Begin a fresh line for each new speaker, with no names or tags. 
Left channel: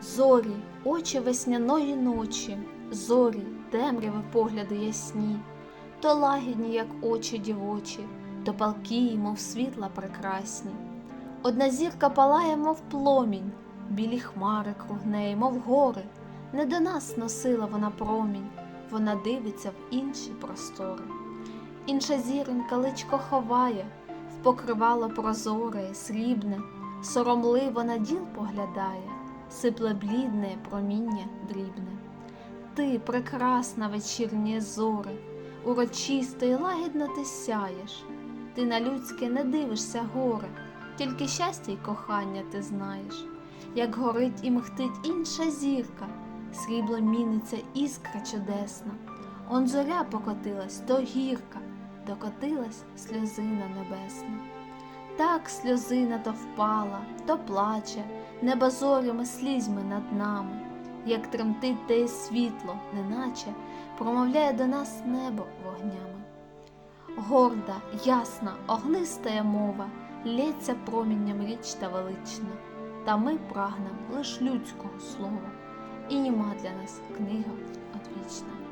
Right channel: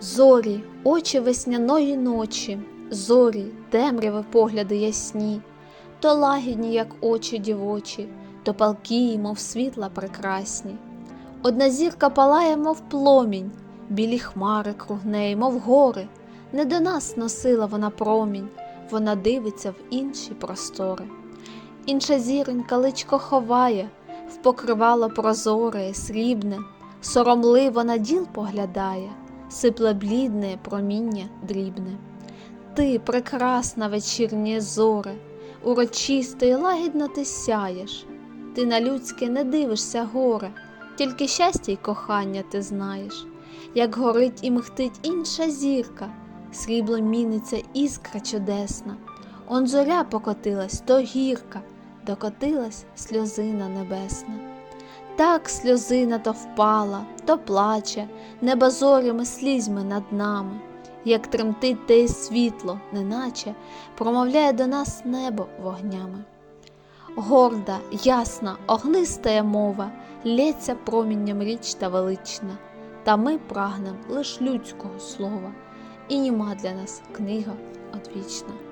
Зорі, очі весняної ночі, зорі, темряви погляди ясні, то лагідні, як очі дівочі, то палкі, мов світла прекрасні. Одна зірка палає, мов пломінь, білі хмари круг неї, мов гори. Не до нас носила вона промінь, вона дивиться в інші простори. Інша зіронька личко ховає, в покривало прозоре, срібне, соромливо на діл поглядає, сипле блідне проміння дрібне. Ти, прекрасна вечірнє зоре, урочисто і лагідно ти сяєш. Ти на людське не дивишся горе, тільки щастя й кохання ти знаєш, як горить і мхтить інша зірка, срібло міниться іскра чудесна. Он зоря покотилась, то гірка, докотилась сльозина небесна. Так сльозина то впала, то плаче, небо зорями слізьми над нами, як тремтить те світло, неначе промовляє до нас небо вогнями. Горда, ясна, огнистая мова, лється промінням річ та велична, та ми прагнем лиш людського слова, і німа для нас книга одвічна.